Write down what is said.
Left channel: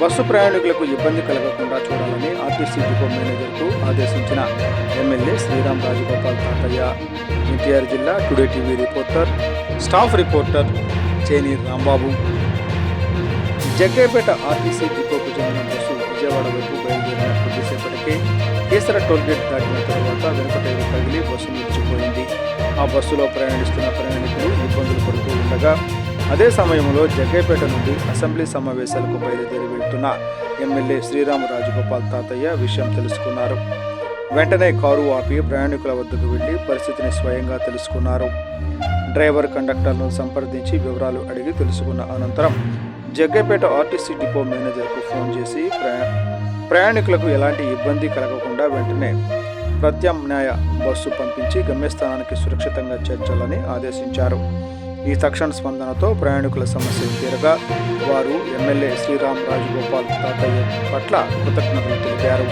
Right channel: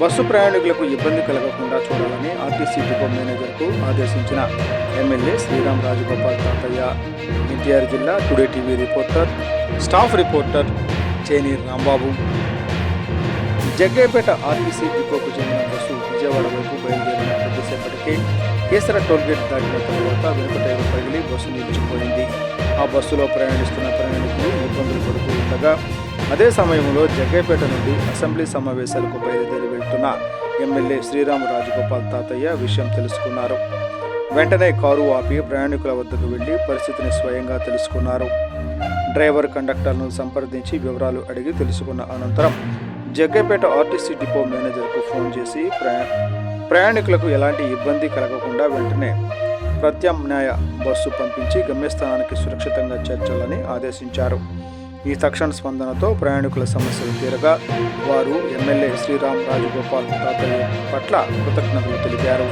Bus ప్రయాణికులకు ఇబ్బంది కలగకుండా చూడాలని ఆర్టీసీ డిపో మేనేజర్కు ఆదేశించిన ఎమ్మెల్యే శ్రీరామ్ రాజగోపాల్ తాతయ్య. ఎన్టీఆర్ జిల్లా today TV reporter, staff reporter చేని రాంబాబు. జగ్గయ్యపేట ఆర్టీసీ డిపోకు చెందిన బస్సు విజయవాడ వైపు బయలుదేరిన కొద్దిసేపటికే కేసర టోల్గేట్ దాటిన తరువాత వెనుక టైరు పగిలి బస్సు నిలిచిపోయింది. ఆ బస్సులో ప్రయాణిస్తున్న ప్రయాణికులు ఇబ్బందులు పడుతూ ఉండగా అదే సమయంలో జగ్గయ్యపేట నుండి అసెంబ్లీ సమావేశాలకు బయలుదేరి వెళ్తున్న ఎమ్మెల్యే శ్రీరామ్ రాజగోపాల్ తాతయ్య విషయం తెలుసుకున్నారు. వెంటనే కారు ఆపి ప్రయాణికుల వద్దకు వెళ్లి పరిస్థితిని స్వయంగా తెలుసుకున్నారు. డ్రైవర్, కండక్టర్ను సంప్రదించి వివరాలు అడిగి తెలుసుకున్న అనంతరం జగ్గయ్యపేట ఆర్టీసీ డిపో మేనేజర్కు ఫోన్ చేసి ప్రయాణికులకు ఎలాంటి ఇబ్బంది కలగకుండా వెంటనే ప్రత్యామ్నాయ బస్సు పంపించి గమ్యస్థానానికి సురక్షితంగా చేర్చాలని ఆదేశించారు. ఈ తక్షణ స్పందనతో ప్రయాణికుల సమస్యలు తీరగా వారు ఎమ్మెల్యే శ్రీరామ్ రాజగోపాల్ తాతయ్య పట్ల కృతజ్ఞతలు తెలిపారు.